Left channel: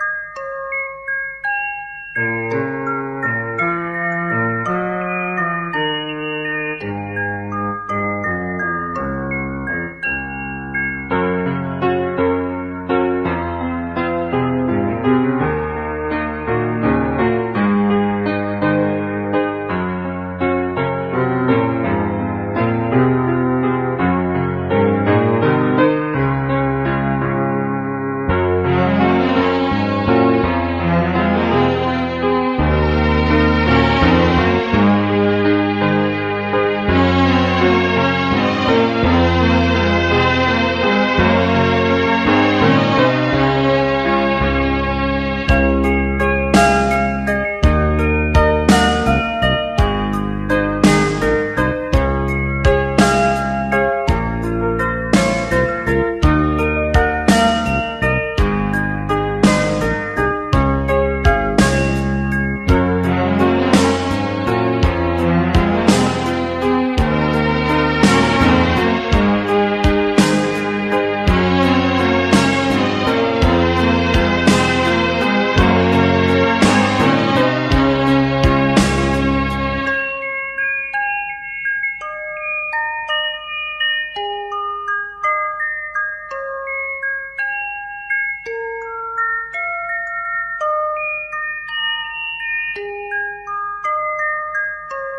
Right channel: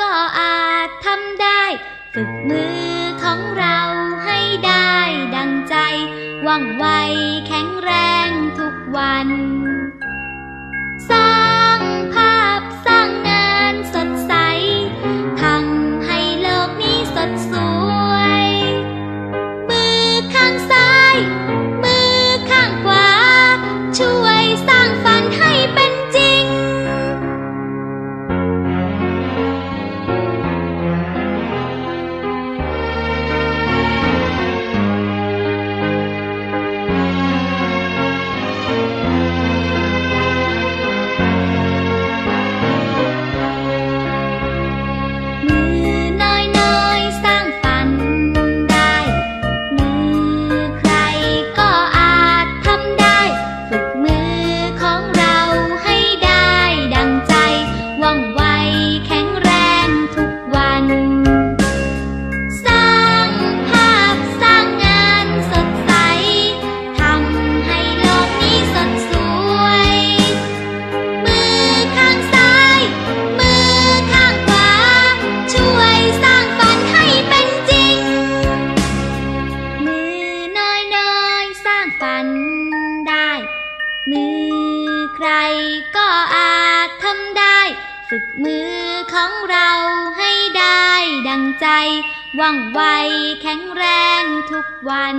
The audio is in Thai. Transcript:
ก็อาจทำได้ ฝึกมือของเราให้ได้ดังใจว่องไว มือใครก็อาจทำได้ ฝึกมือของเราให้ได้ดังใจ ว่องไวแข็งแรงทุกวัน